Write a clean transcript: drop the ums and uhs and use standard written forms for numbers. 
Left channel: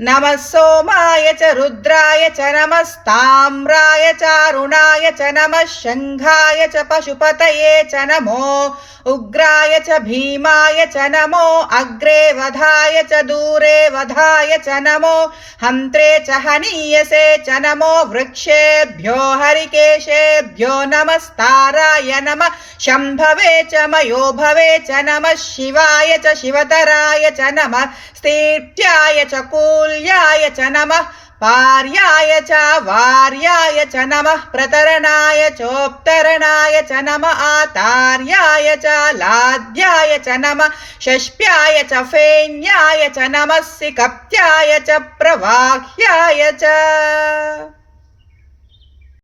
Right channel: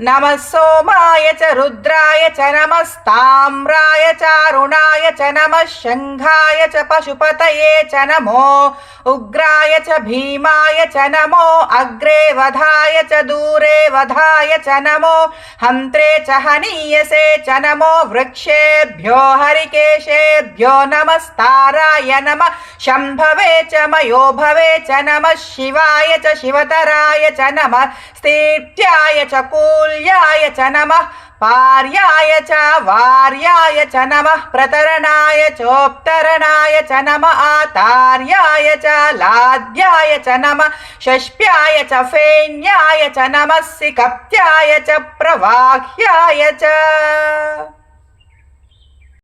नमः सोमाय च रुद्राय च नमस्ताम्राय चारुणाय च नमः शङ्खाय च पशुपतये च नमो उग्राय च भीमाय च नमो अग्रे वधाय च दूरे वधाय च नमो हन्त्रे च हनीयसे च नमो वृक्षेभ्यो हरिकेशेभ्यो नमस्ताराय नमः शम्भवे च मयोभवे च नमः शिवाय च शिवतराय च नमः स्तीर्त्याय च कूल्याय च नमः पार्याय च वार्याय च नमः प्रतरणाय चोत्तरणाय च नमः आतार्याय च लाद्याय च नमः षष्प्याय च फेन्याय च नमः सिकप्त्याय च प्रवाह्याय च।